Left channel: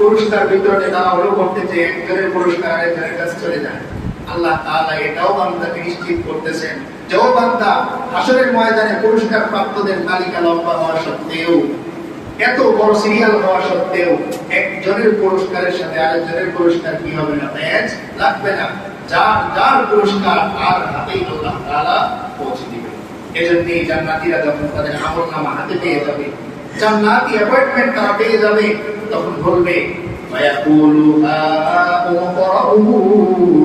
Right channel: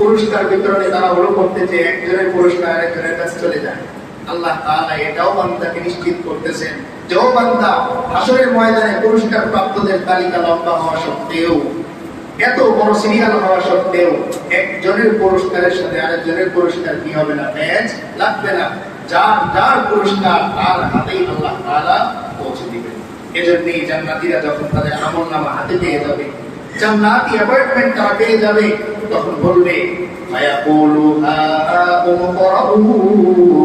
পুরস্কার বিতরণে তাড়াহুড়ো করতেছে, একজনের পুরস্কার আরেকজনের কাছে চলে যায়। আল্লাহ তাআলা এটাও বান্দাকে নিশ্চিত করতেছেন যে ও বান্দা, হাসরের ময়দানে পুরস্কার প্রাপ্তদের তালিকা লম্বা হওয়া সত্ত্বেও, এত বড় সিরিয়াল হওয়া সত্ত্বেও, একজনের পুরস্কারের সাথে আরেকজনের পুরস্কার কি হবে না, ম্যাচ লাগবে না। যার যার পুরস্কার তার হাতেই আল্লাহ তাআলা পৌঁছে দিবেন। এজন্যই জান্নাতীরা যখন তাদের আমলনামা হাতে পেয়ে যাবে, জান্নাতি অ্যাপয়েন্টমেন্ট তারা পেয়ে যাবে, তখন বলবে মায়াকুলু হাউমুকরাউ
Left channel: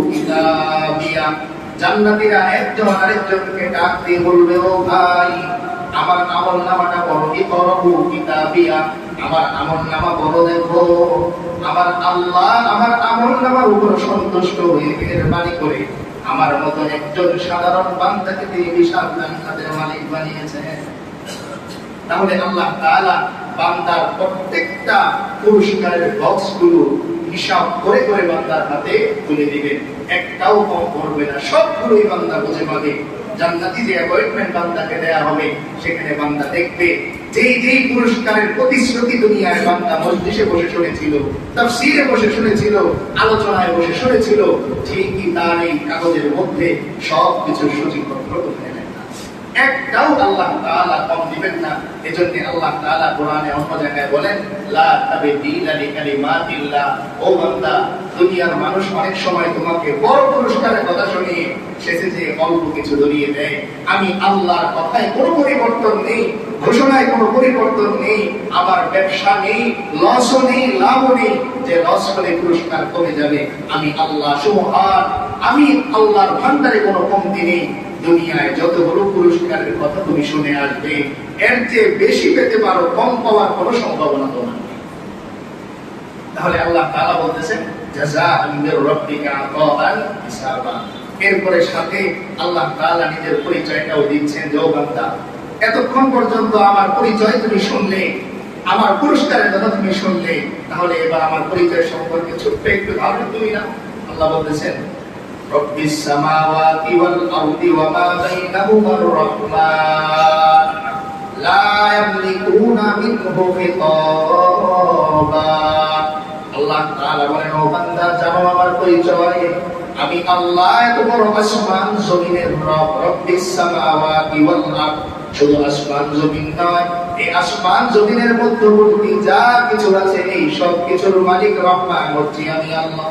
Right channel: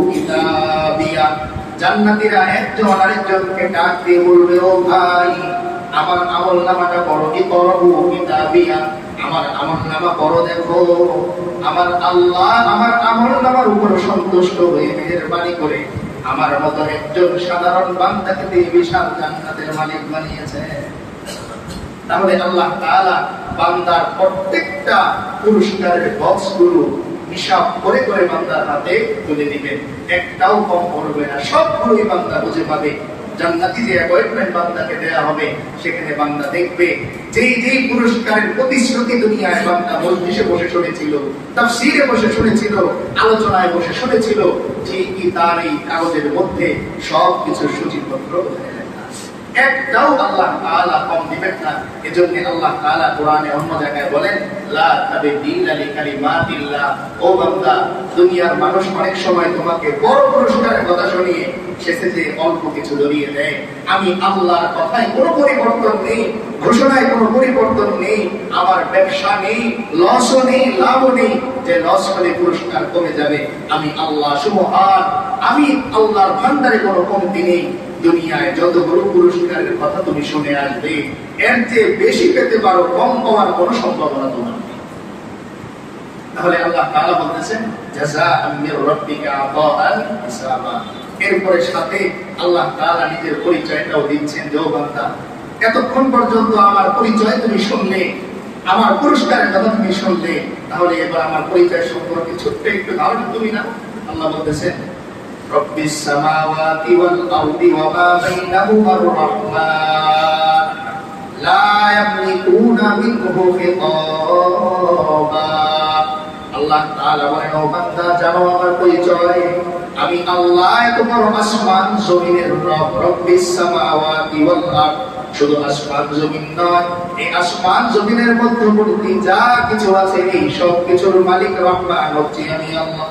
কিতাবিয়া। জান্নাতীরা একজন আরেকজনকে ডাক দিয়ে বলবে, ও ভাই, আমার আমলনামাটা পড়ো, ইকরাউ কিতাবিয়া, আমার আমলনামা পড়ো, দেখো আমার আল্লাহ আমার আমলনামার উপর সন্তুষ্ট হয়ে মেহেরবানি করে আমার মতো একজন সাধারণ বান্দাকে দিয়ে বিশাল জান্নাতের মালিক বানিয়েছে। তাহলে আল্লাহ তাআলা বান্দার প্রত্যেকটা পুরস্কারের বক্সগুলো হিসাব করে করে বান্দার হাতে তুলে দিবেন, একটাও কম পড়বে না, সবগুলোই বান্দা বুঝে পাবে। জান্নাতি যে অ্যাপয়েন্টমেন্ট বান্দাকে দেয়া হবে, সেখানে বান্দা দেখবে যেই যেই পুরস্কারের প্রতিশ্রুতি দুনিয়ায় বান্দা মজলিসে বসে শুনেছিল, তাফসীরে বসে শুনেছিল, আলোচনায় বসে শুনেছিল, ঠিকই তার এই কাগজের মধ্যে সবকিছু সূচিপত্র হয়ে একটাও আল্লাহ তাআলা কম দিবেন না। এজন্য আল্লাহ তাআলা কোরআনে অন্য জায়গায় বলেন, লা তাবদীলা লিকালিমাতিল্লাহ। ও বান্দা, দুনিয়ার মানুষ অনেক সময় তোমাকে বড় পুরস্কারের কথা শুনিয়ে শেষে যে অল্প কিছু ধরিয়ে দেয়। আমি আল্লাহর কথায় কোনো পরিবর্তন নেই, ঘোষণায় কোনো পরিবর্তন নেই, আমার ব্যবসা নেই, লসও নেই, লাভও নেই যে লস করে পুরস্কার কমে যাবে। আমি আল্লাহ সুবহান, আমি আল্লাহর ভান্ডারে কোনো কমতি নেই। দুনিয়ায় যতগুলো পুরস্কারের কথা তুমি শুনে আসবে, এর চেয়ে বেশি পেতে পারো, কম পাওয়ার কোনো সম্ভাবনা তোমার নেই। তাহলে আল্লাহ তাআলা বলতেছেন জাযাআন মির রাব্বিকা আতাআন হিসাবা। এরপরে সাথে আল্লাহ তাআলা নিজের পরিচয়টাও দিচ্ছেন যে ও বান্দা, এতক্ষণ পর্যন্ত আমার পরিচয় তুমি শুনলে, আমার পুরস্কারের কথা তুমি শুনলে, তাহলে এবার আমার পরিচয় সম্পর্কে ছোট্ট একটু ধারণা তুমি নাও। আল্লাহ বলতেছেন রব্বিস সামাওয়াতি ওয়াল আরদি ওয়া মা বাইনাহুমার রাহমান লা ইয়ামলিকুনা মিনহু খিতাবা। আল্লাহ তাআলা বলেন, ও বান্দা, জানো আমার পরিচয়, আমি আল্লাহ এত বড় আসমান জমিনের রব। রব্বিস সামাওয়াতি ওয়াল আরদ, শুধু আসমান জমিন নয়, এই আসমান জমিনের মধ্যবর্তী যা কিছু আছে এই সব কিছুর মালিক রহমান হচ্ছি আমি আল্লাহ।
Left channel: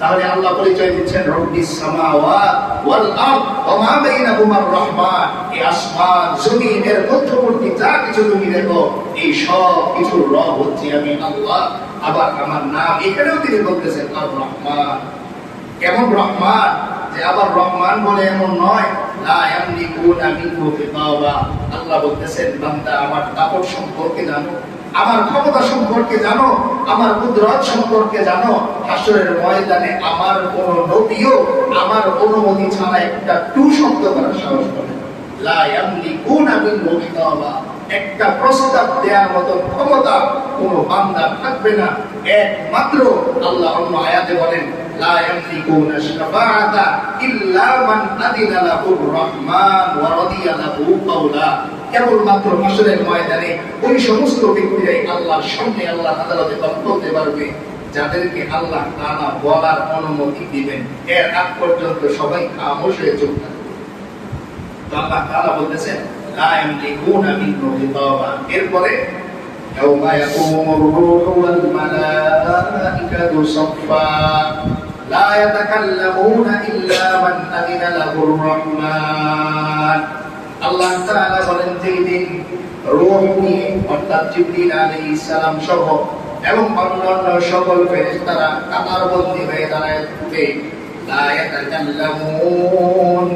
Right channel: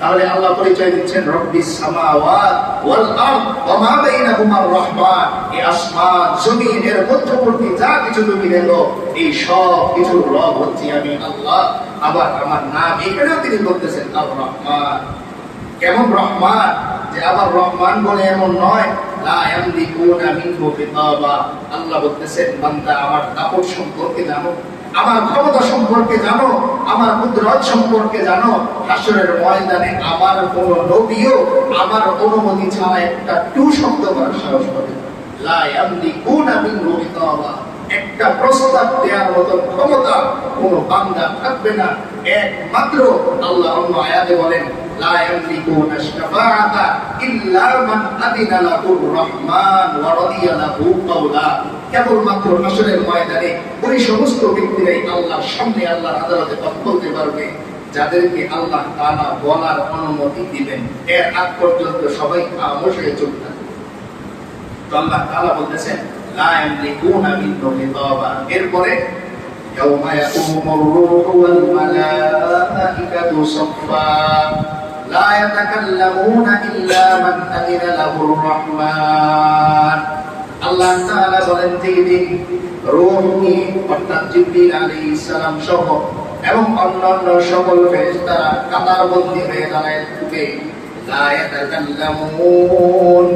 তাহলে আল্লাহ পরিচয় দিচ্ছেন রব্বিস সামাওয়াত ওয়াল আরদ ওয়া মা বাইনাহুমার রাহমান। এই আসমান জমিনের মধ্যবর্তী যা কিছু তুমি দেখো, এই সব কিছুর রব হচ্ছি আমি আল্লাহ। আবার আমার নাম এখানেও তিনি বলতেছেন আর রহমান। কেমন রহমান? যে আবার রহমান বলে এমন নয়, লা ইয়ামলিকুনা মিনহু খিতাবা। আল্লাহ বলতেছেন, বান্দা, আমার দাপট সম্পর্কে জানো, আমার ক্ষমতা সম্পর্কে জানো, আমার কুদরত সম্পর্কে জানো। হাসরের ময়দানে আমার কোন নবীও আমার অনুমতি ছাড়া একটা টু শব্দ করার সাহস পাবে না। লা ইয়ামলিকুনা মিনহু খিতাবা। একটা প্রস্তাব দেওয়ার মতো ক্ষমতা কোন বান্দা থাকবে না, একমাত্র আল্লাহ অন্য আয়াতে বলেন লা ইয়ামলিকুনা শাফাআতা ইল্লা মান আযিনা লাহুর রহমান ওয়া রাদিয়া লাহু কাওলা। কেবলমাত্র হাসরের ময়দানে ওই সমস্ত ব্যক্তিরাই আল্লাহর সামনে, আল্লাহর আদালতে কথা বলতে পারবে যাদেরকে আল্লাহ তাআলা বলার অনুমতি দিবেন। এর আগ পর্যন্ত সবাই খামোশ হয়ে চুপ থাকবে। তো আল্লাহ তাআলা বলতেছেন লা ইয়ামলিকুনা মিনহু খিতাবা। এরপরে ইয়াউমা ইয়াকুমুর রূহু ওয়াল মালাঈকাতু সাফফা লা ইয়াতাকাল্লামুনা ইল্লা মান আযিনা লাহুর রহমান। আল্লাহ তাআলা বলেন, যেদিন রূহ নিয়ে অর্থাৎ জিবরিল আলাইহিস সালাম সহ এবং অন্যান্য সকল ফেরেশতারা কাতারবন্দী হয়ে দাঁড়ায় থাকবে, লা ইয়াতাকাল্লামুন,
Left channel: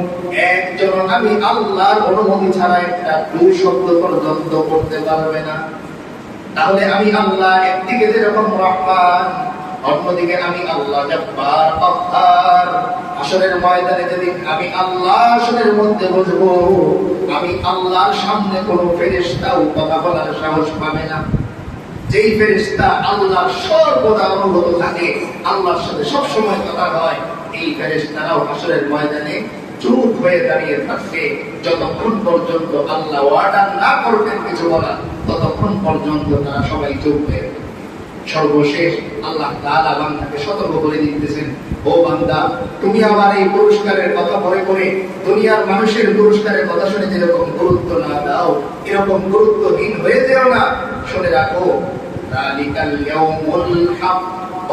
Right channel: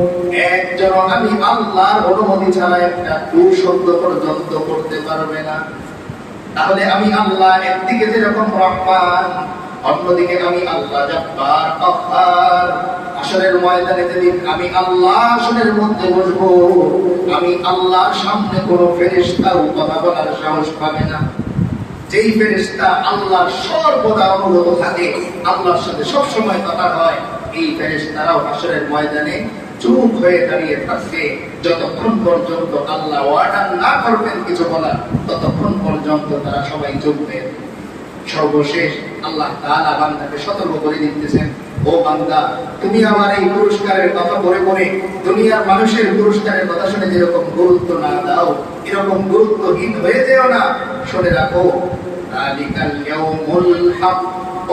একজন আমি আল্লাহর অনুমতি ছাড়া একটা টু শব্দ পর্যন্ত করতে পারবে না। তাহলে আমি আল্লাহ একদিকে যেরকম রহমান, অন্যদিকে আমি আল্লাহ জব্বার কাহ্হার। হাসরের ময়দানে যেদিন আমি আল্লাহ আসনের মধ্যে বসবো, আমি আল্লাহর সামনে কোন ফেরেশতাও কথা বলার সাহস পাবে না। যেই ফেরেশতা আল্লাহর সর্বদা অনুগত থাকে, আল্লাহর সাথে সব সময় কথা হয়, এই ফেরেশতারাও হাসরের ময়দানে চুপ হয়ে দাঁড়িয়ে থাকবে যতক্ষণ পর্যন্ত আল্লাহ অর্ডার না করবেন কিছু বলার, ততক্ষণ পর্যন্ত তারা সবাই চুপ হয়ে। সর্বশেষ আল্লাহ তাআলা বান্দাকে সতর্ক করে দিতেছেন, ও বান্দা, তুমি আমার এই পুরস্কারের কথা পড়ে পড়ে দুনিয়ার মানুষের পুরস্কারের কথা শুনে যেরকম গুরুত্ব না দাও, এরকম গুরুত্বহীন হয়ে যেও না। শুনে রাখো, যালিকাল ইয়াউমুল হক,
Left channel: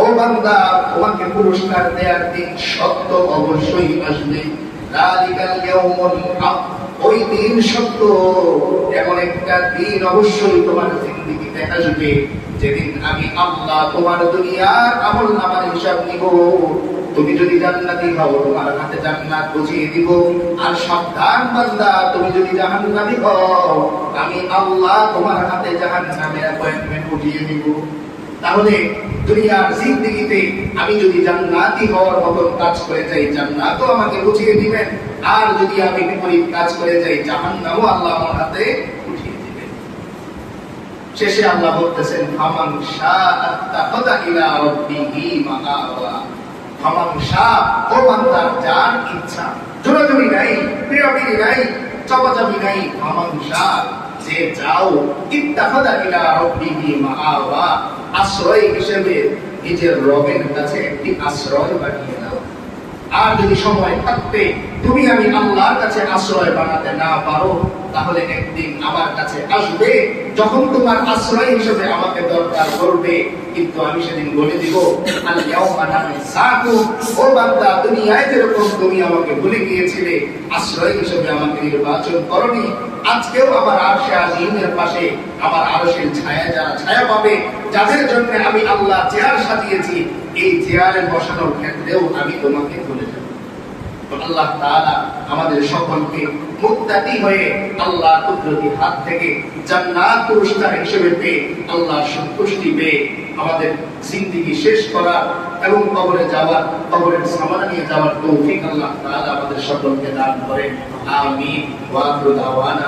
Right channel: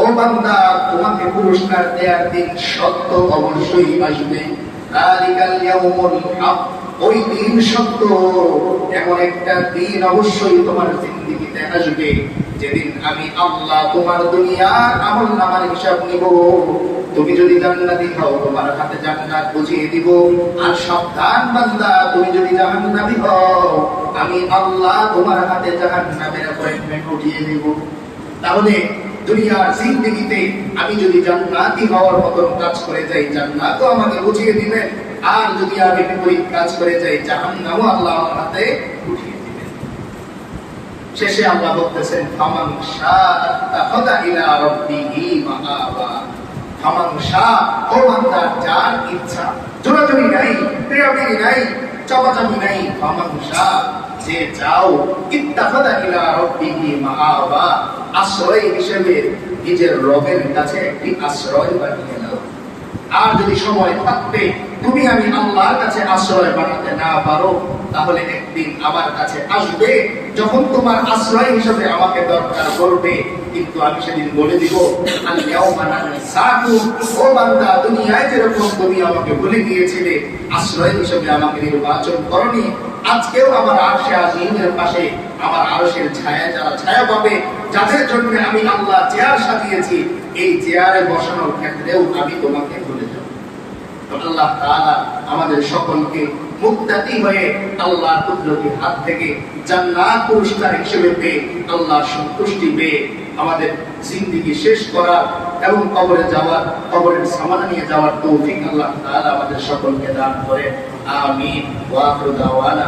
ও বান্দা, তোমাকে পুরস্কার দেওয়ার দিন সত্য অবশ্যই আসবে। যালিকাল ইয়াউমুল হক, ওই দিন সত্য। এমন একটা দিন অবশ্যই তোমার জিন্দেগিতে আসবে যেদিন আমি আল্লাহ তোমার দুনিয়ার আমলনামার হিসাব নিব। তুমি যদি জান্নাতি হও, তোমার হাতে জান্নাত বুঝিয়ে দিব। আর সাবধান বান্দা, তুমি যদি জাহান্নামী হও, আমি আল্লাহ তোমার হাতে জাহান্নামের অ্যাপয়েন্টমেন্ট উঠিয়ে দিব। তাহলে দুনিয়ার জিন্দেগিতে আমি যদি জান্নাতি হওয়ার মতন কাজ করে যাই, জান্নাতও আমাকে বুঝিয়ে দিবেন। আর যদি আমি বিপরীত কাজ করে যাই, জাহান্নামও আল্লাহ আমার হাতে উঠিয়ে দিবেন। শেষে আল্লাহ বলতেছেন, ফামান শাআ ইলা রাব্বিহি মাআবা। ফামান শাআ, ও বান্দা, যার ইচ্ছা, জোরাজুরি নাই, প্রিয়বিরি নাই, চাপাচাপি নাই। ফামান শাআ, যে যাও, ইত্তাখাযা ইলা রাব্বিহি মাআবা, আশ্রয় হিসেবে নিজের রবের কাছে একটি আশ্রয় বানিয়ে নাও। আর যদি সময় থাকতে তুমি আমি আল্লাহর কাছে আশ্রয় বানাতে না পারো, তাহলে একদিন আমার কাছে আসবে, যখন তোমার আশ্রয় হিসেবে আমাকে দরকার করবে। কিন্তু আমি সেদিন বলে দিব, ও বান্দা, দুনিয়ায় যেরকম তুমি আমাকে ভুলে গিয়েছিলে, আশ্রয় হিসেবে আমাকে নির্বাচন করনি, আজকেও আমার আরশে আজিমের পাশে আমার আরশের ছায়া যারা ছায়া পাবে, যাদের জন্য আমি আল্লাহ চেয়ার সাজিয়েছি, এই চেয়ারে বসানোর ক্ষেত্রেও আমি তোমাকে ভুলে যাব। তো আল্লাহ তাআলা আমাদের সকলকে মুত্তাকি হয়ে আল্লাহর কুদরতি হাত থেকে জান্নাত পুরস্কার হিসেবে পেয়ে, আল্লাহর সন্তুষ্টি পেয়ে আমাদের জিন্দেগি শেষ করা এবং কবরে যাওয়ার, কবরের সামানা নিয়ে যাওয়ার তৌফিক আল্লাহ তাআলা আমাদের সকলকে দান করেন। আমিন ওয়া আখিরু দাওয়ানা।